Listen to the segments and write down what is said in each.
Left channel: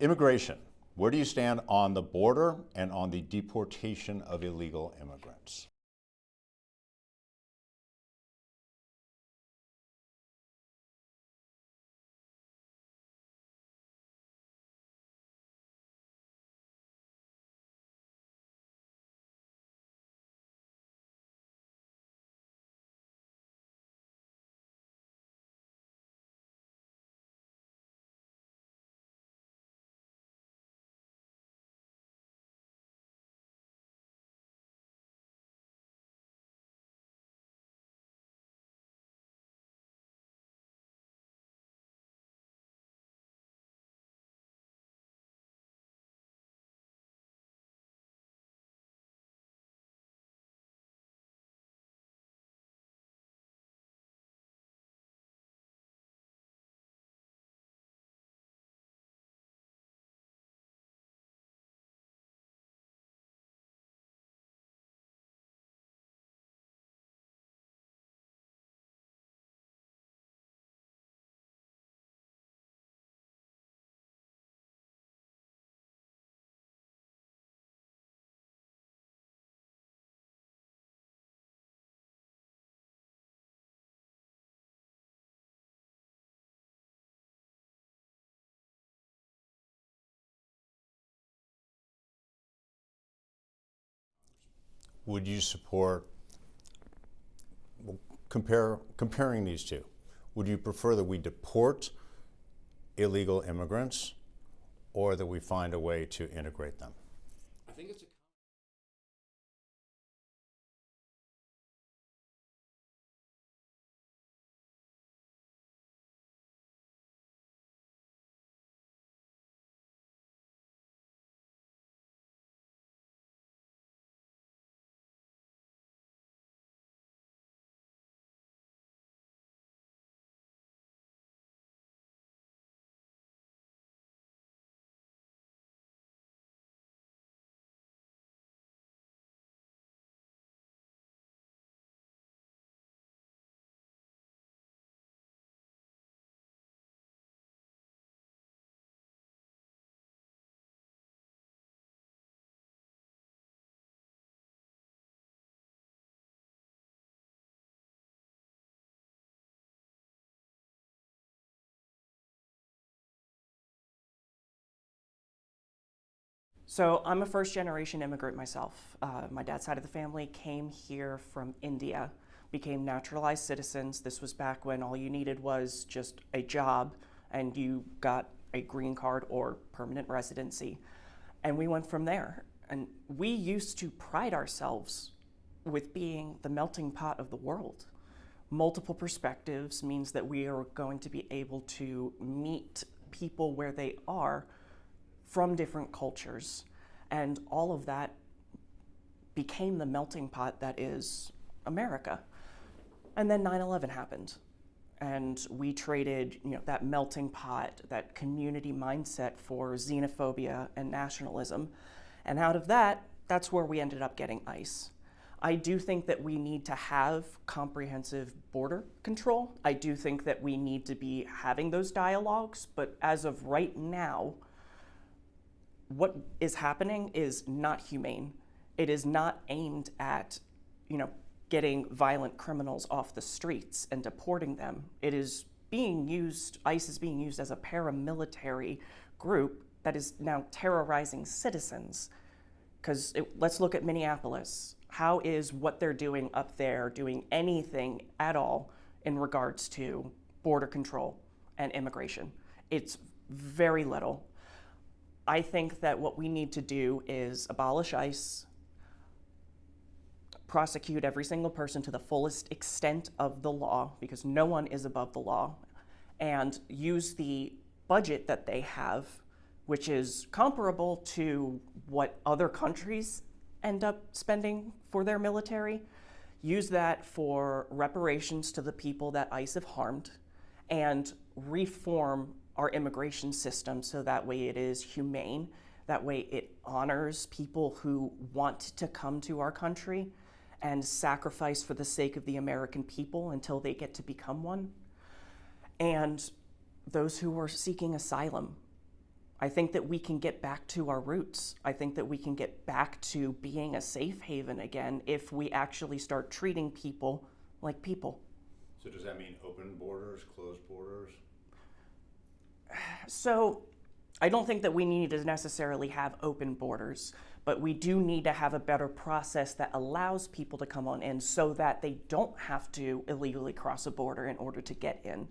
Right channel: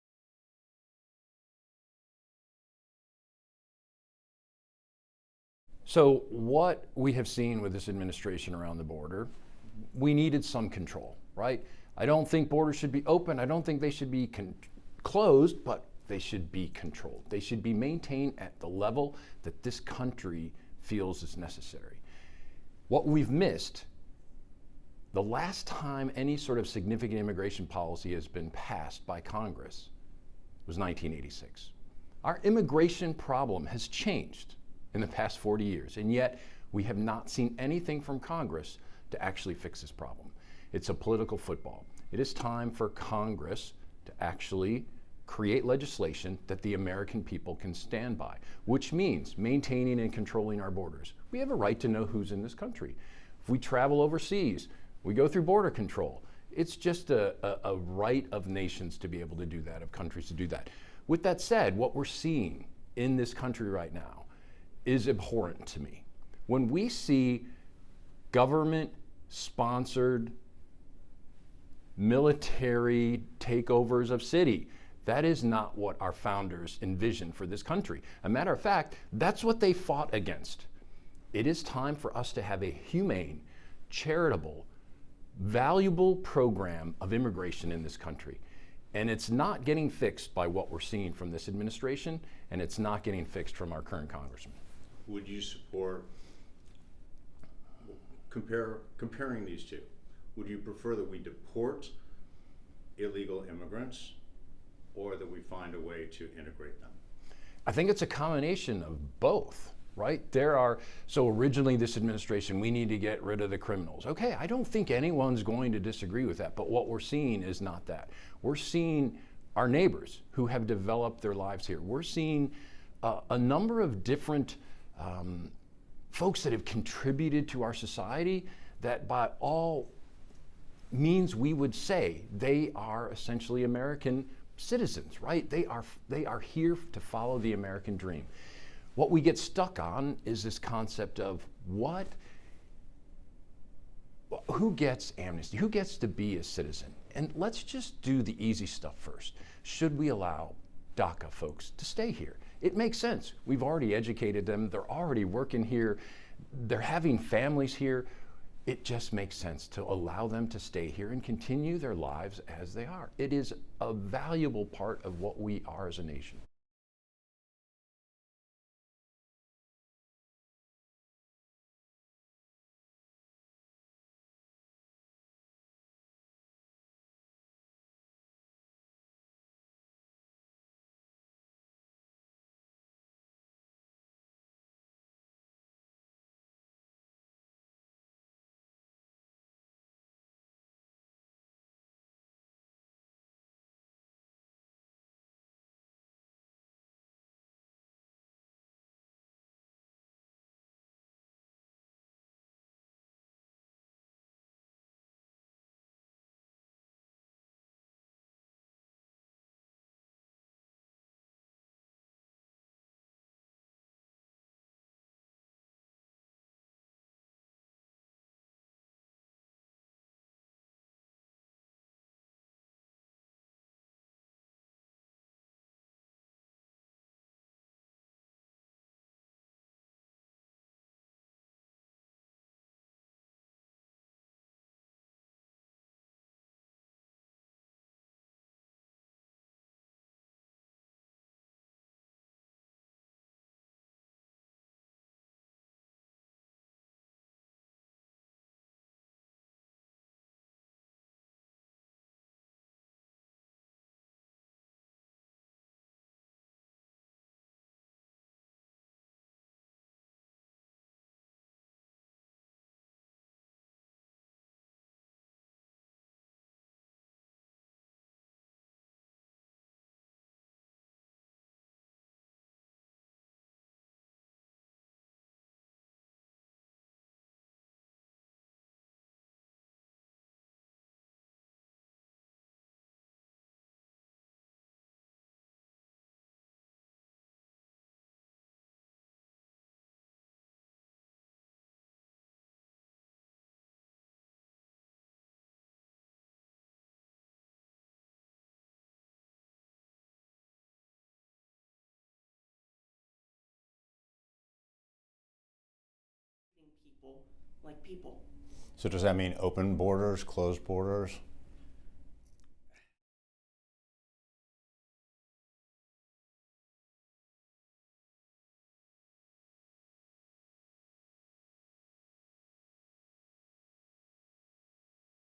Immigration. Where do you stand on the border and on the deportation of illegal immigrants? So what we have seen with this administration around the border, we needed some control, right? I don't think borders should be open. I don't think they should be closed, but they should be controlled. They should be maintained at the level that this country feels is necessary. What we've missed, the last time any sort of significant immigration policy has been passed by Congress was 1986. Our immigration problem has changed in the past 40 years, and yet we have not seen anything from Congress to actually fix this problem. It's a political football. It is time for Congress to actually create legislation that the American people can stand by, which means maintaining and controlling our borders. We have a right to know who's in this country. If we travel overseas, we go through border control. It's just a right of nations to be able to do that, of countries to do that. With that said, what we're seeing in this country right now is abhorrent to me. When we see government-sponsored military takeovers of city, that is not what our founders envisioned for this country. As a matter of fact, that's what they fought against. It is time for us to have a humane, charitable, valuable program of immigration in this country. And it's not getting fixed by what we're seeing from this administration, and it's not getting fixed from our current congressman. Would you support, comparing these two, would you prefer that we deport illegal immigrants or that we find a way to integrate them? I think it's a combination of both, right? So originally this administration, we need to get rid of the criminals. Okay, I don't think anyone's going to disagree with that, but what we're seeing is not that. We're seeing our neighbors who have developed their lives here. We're seeing a number of different folks that have contributed to our society that by all means we would say they are essentially American citizens, right? They are here to follow the American dream. What we get stuck on is this concept of who gets amnesty? Who gets to be a citizen? And let's just do the easy stuff first. Should we allow DACA folks to stay here? It makes sense. We've already educated them. They're already working here. They're having families here. It just makes sense to allow them to stay here and continue their lives as they are. It is a valuable part of what we are as a nation. So I'm a first-generation immigrant myself. My dad's side of the family came here from India, became naturalized citizens. This was back when all you needed was just a job and you got a green card or permanent residency. And we went from there. And we used to pride ourselves with being the melting pot of the world. Multiple perspectives means that we are going to be able to meet people where they are from different cultures, and all of that became the melting pot that is America. And then 9/11 happened, and we traded, that melting pot, that community mindset for xenophobia and nationalism, and out of that, that's where we ended up getting ICE. I do think that we need to have comprehensive border control. I do think that we need to be having those dialogues, but as of right now, what is happening is not humane. It is not aimed at, getting violent criminals off the streets and deporting them. It is being used, ICE is being used as a paramilitary group that is now terrorizing citizens. Because let's look at Minneapolis. How is what they're doing up there doing anything at all in regards to border control and immigration? It's very little. I think that what we need to do is abolish ICE, prosecute every single person to the fullest extent of the law, because no one is above the law, and use the budget that they have, which is comparable to what other countries end up spending for their military, use that for reparations to the people that ICE have harmed, and reform our immigration system so that way it is humane, that way it honors people who want to come to our country and sacrifice for the sake of the American people until they get to become one. And those who are seeking asylum, I think that we can get back to our roots. I think that we can get back to being a safe haven again if we actually start treating people like people. So does that mean open borders, closed borders? So I don't think that we need to necessarily have open borders, but we do need to have a better process that allows people to come on in so that they don't have to illegally cross a border in order to get in.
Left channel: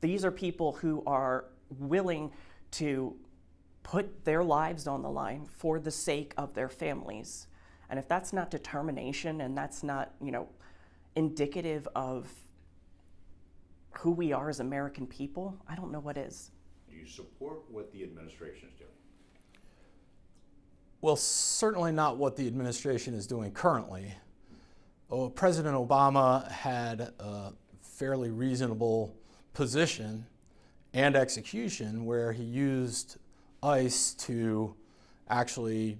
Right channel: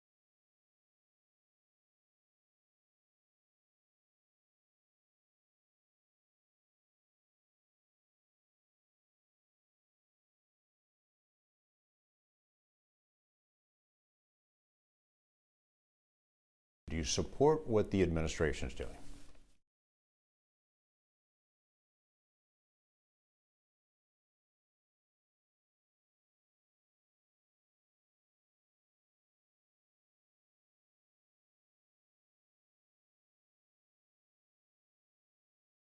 These are people who are willing to put their lives on the line for the sake of their families. And if that's not determination and that's not, indicative of who we are as American people, I don't know what is. Do you support what the administration is doing? Well, certainly not what the administration is doing currently. President Obama had a fairly reasonable position and execution where he used ICE to actually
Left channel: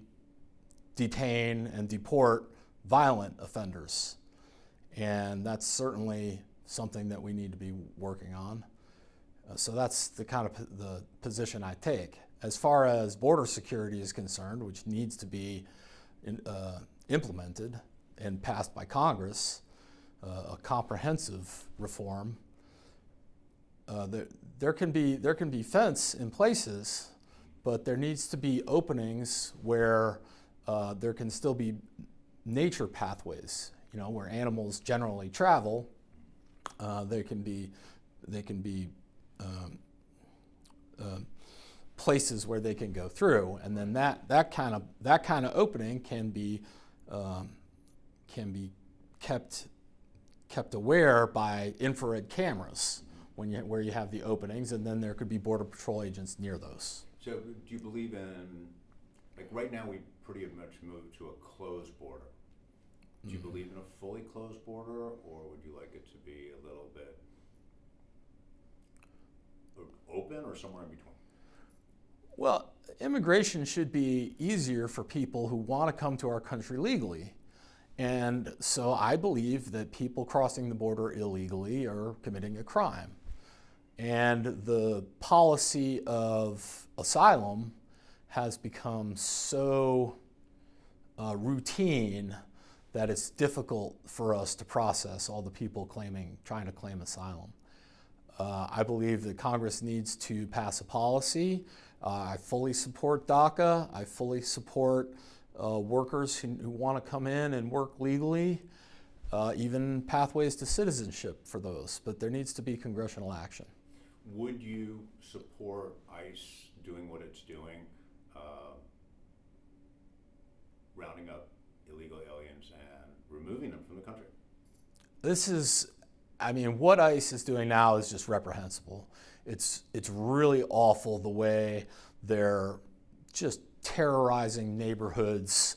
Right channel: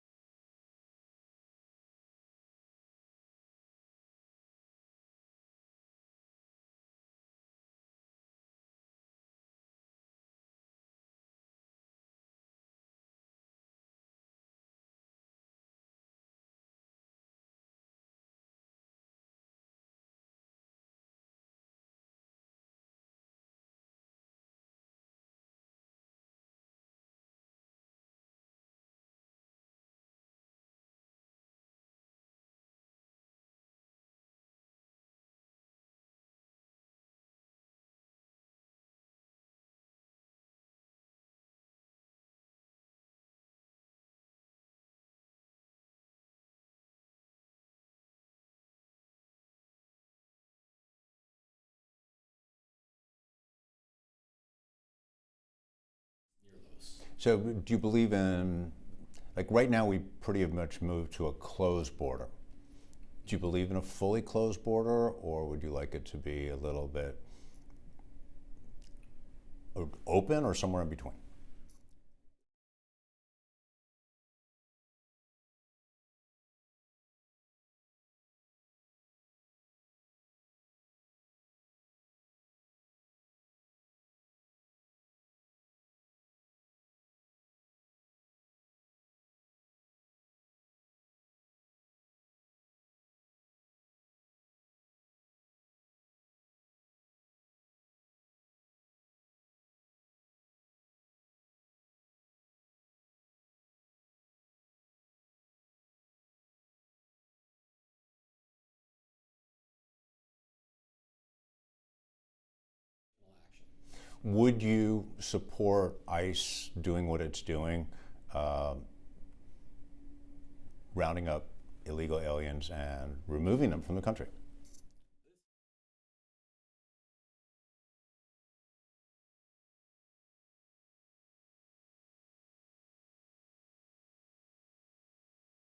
detain and deport violent offenders. And that's certainly something that we need to be working on. So that's the kind of the position I take. As far as border security is concerned, which needs to be implemented and passed by Congress, a comprehensive reform, there can be fence in places, but there needs to be openings where there can still be nature pathways, where animals generally travel. They can be places where they can go through, and then that kind of opening can be kept aware by infrared cameras where you have the openings, and then there could be Border Patrol agents near those. So do you believe in, like right now we pretty much moved to a closed border. Do you believe in a fully closed border, or would you like it to be a little bit open or somewhere in between? Well, immigration should be easier for people who want to come to our country legally. And so I believe that people crossing the border illegally are committing a crime. And the policy of asylum has become so routine that it's difficult for us to process all the people trying to claim asylum. I believe that Congress needs to pass a policy. I fully support DACA. I fully support workers who want to come in and work legally, even pathways to citizenship for those. But there needs to be congressional action. Would you support ICE doing what it's doing, rounding up illegal aliens and removing them from the country? What ICE is doing now is just reprehensible. It's really awful the way they're just terrorizing neighborhoods,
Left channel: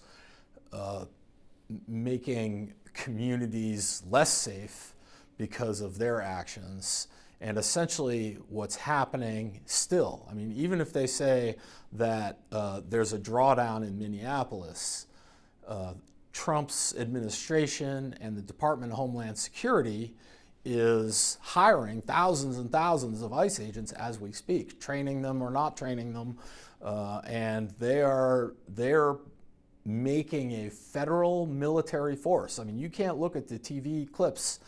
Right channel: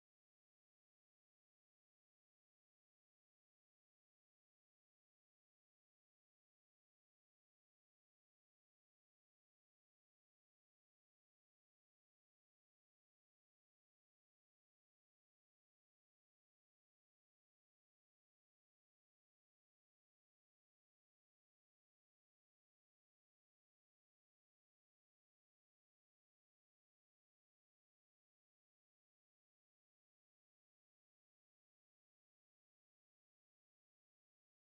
making communities less safe because of their actions. And essentially what's happening still, even if they say that there's a drawdown in Minneapolis, Trump's administration and the Department of Homeland Security is hiring thousands and thousands of ICE agents as we speak, training them or not training them, and they're making a federal military force. You can't look at the TV clips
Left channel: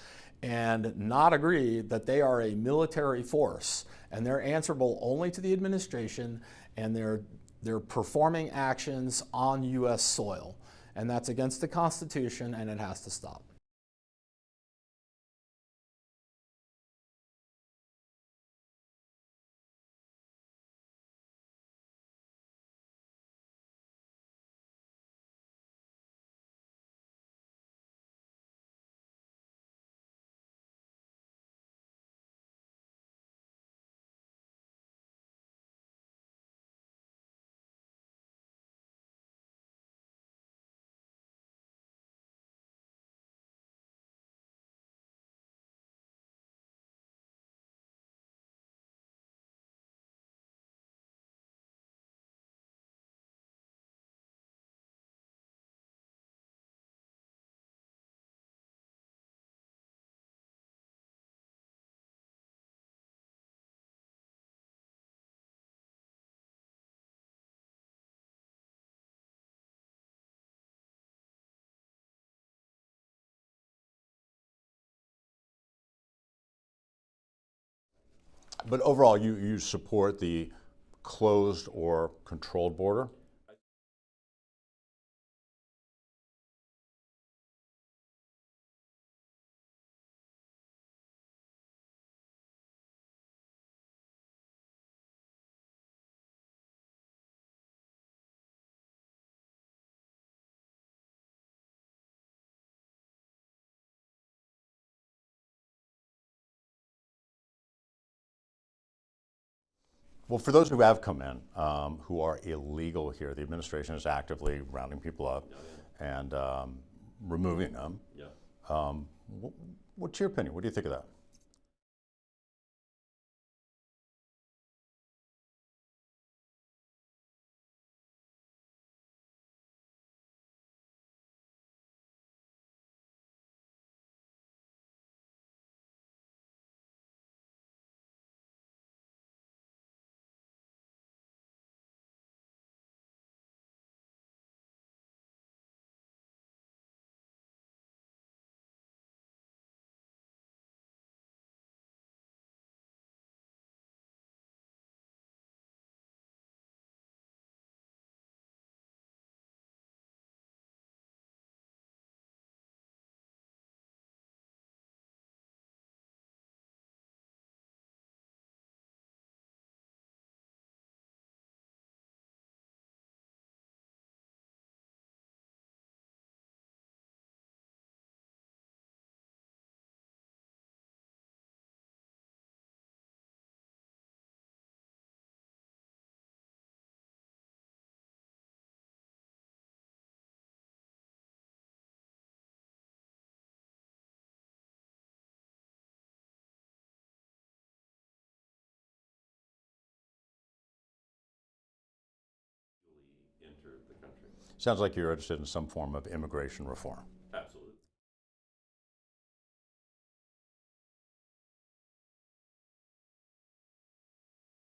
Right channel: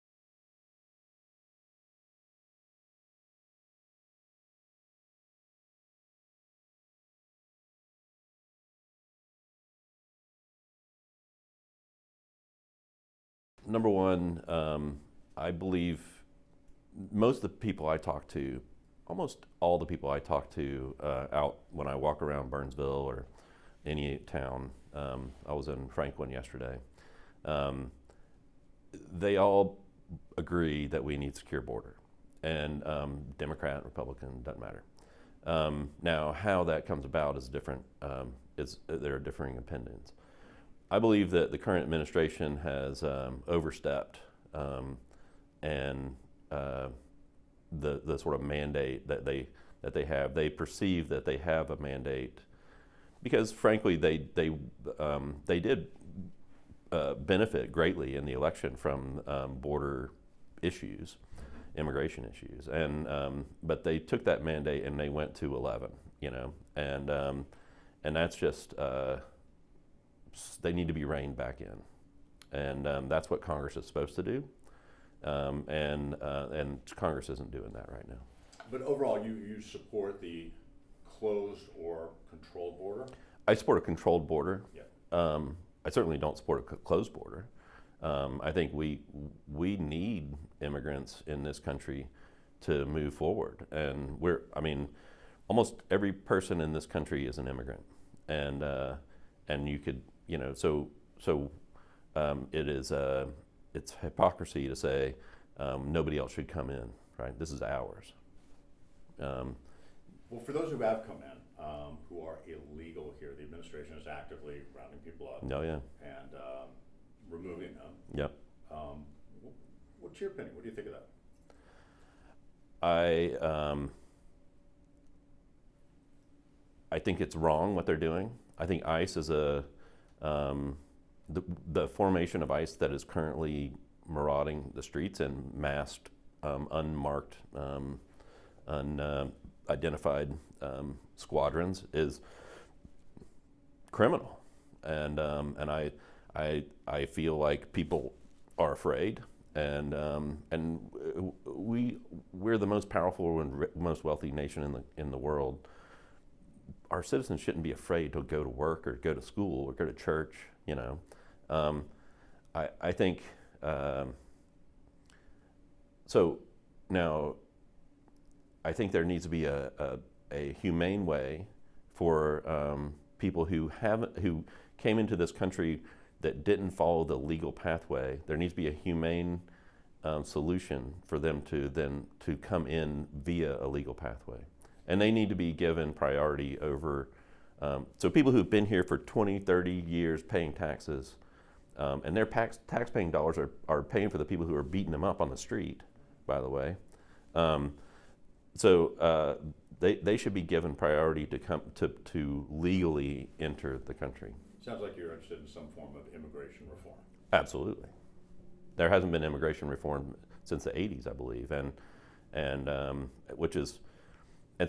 and not agree that they are a military force, and they're answerable only to the administration, and they're performing actions on U.S. soil, and that's against the Constitution, and it has to stop. Number one, I believe most of the people I talk to, almost all the people I talk to out when I walk around Burnsville or any town, I was in Franklin yesterday, they all agree that we need secure border, and Democrat, Republican, doesn't matter. Now, how that comes about is different. There are differing opinions. I believe that the current administration has overstepped and the sort of mandate that they have. They perceive that they have a mandate because, frankly, they did benefit greatly in the election from border issues, immigration issues, and but they took that mandate and they went to 11. and that's just they need to be reined back in, and that's what Congress is supposed to do, and Congress isn't doing that right now. But overall, you support the closed or controlled border? I support a controlled border. Yeah. I certainly don't support a closed border. I think we need immigrants in this country to move forward, and almost every person in this country is an immigrant, and you could, it is it's hypocrisy to say nobody else should come in, right? This is ours. Well, for those who have come in, who are illegal here, the administration is actively rounding people up and removing them. Yeah. What's your opinion? What do you think of that? I think it's wrong what they're doing. I think ICE is the formation of ICE that is currently marauding the streets and masked, unmarked, unidentified squadrons is criminal, and I feel like people are afraid, and we're the most powerful and most wealthy nation in the world. Our citizens shouldn't be afraid to go to work or go to school or go to church. I think so. Now, I think there needs to be a humane way for people who came into this country that didn't follow the legal pathway. There needs to be a humane solution for them to come in via a legal pathway. And they need to be given priority over, so people who've been here for 20, 30 years paying taxes, and their tax-paying dollars are paying for the people who are beating them up on the street, by the way. So they should be given priority to come to legally enter the country. Sounds like you're interested in some form of immigration reform. Absolutely. There hasn't been immigration reform since the 80s, I believe, and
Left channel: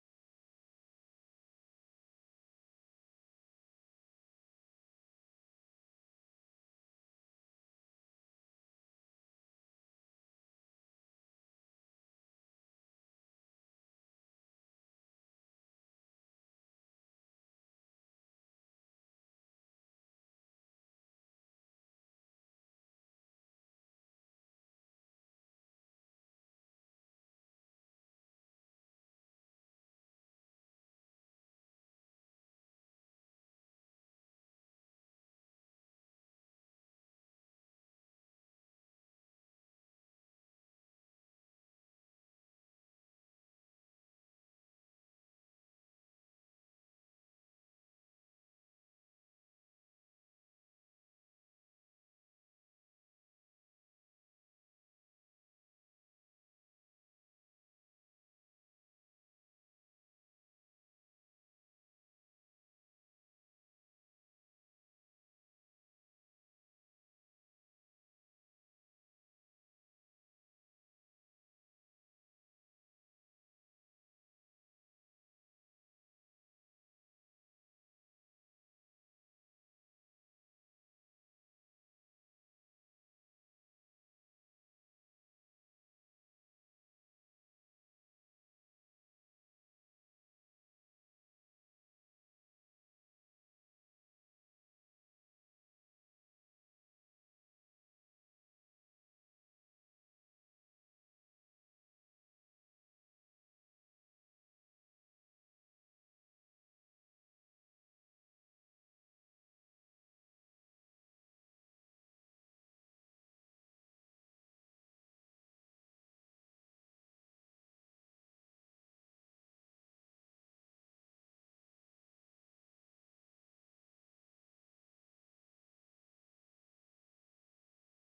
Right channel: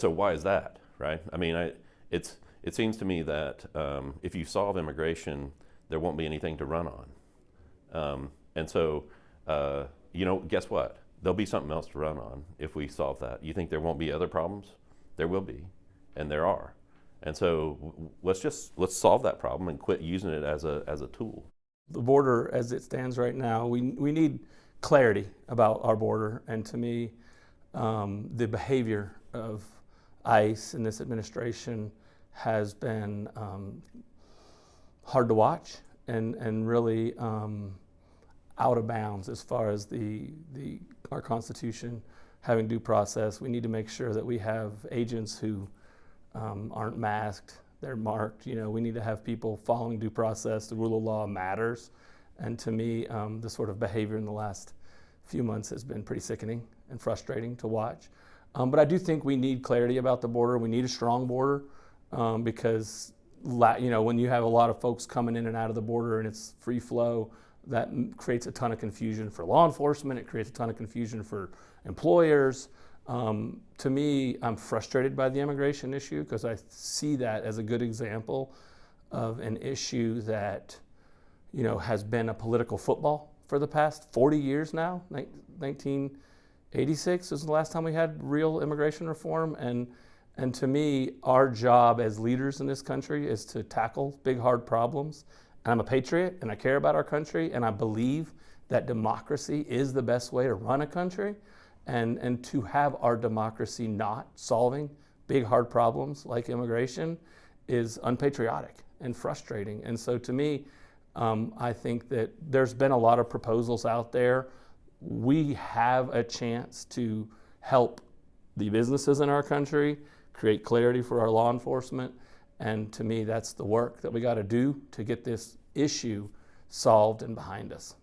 so why is that, right? I mean, it seems to me that if you solve immigration, there won't be anything to run on, and so guess what? There'll be something else to run on if we solve that. You think there won't be other problems? There will be, and there are. And so let's solve that problem and quit using it as a tool. The border, as it stands right now, we need clarity about our border, and to me, the behavior of ICE in this administration has been hard to watch and really out of bounds as far as our Constitution having due process. We need to make sure that we have agents who aren't masked, they're marked. We need to have people following due process. The rule of law matters. And to me, the sort of behavior in the last few months has been pretty sickening and frustrating to watch. But I do think we need clarity about the border. We need a strong border because when you have a lot of folks coming in and out of the border and it's free flow, that creates a ton of confusion for law enforcement. It creates a ton of confusion for employers. To me, I'm frustrated by the immigration issue because I see that as a good example of an issue that has been a political football for the past 40 years now. 1986 was the last time we had real immigration reform, and to me, our job as leaders in this country is to tackle big, hard problems. And I'm a patriot, and I care about our country, and I believe that democracy is the best way to run a country, and to have our democracy not solving big, hard problems like immigration is unpatriotic and frustrating. And so to me, I think that there's been a lot of proposals out there. We have a chance to help the businesses in our country, create clarity for our law enforcement, and to me, that's the work that we got to do to get this issue solved and behind us.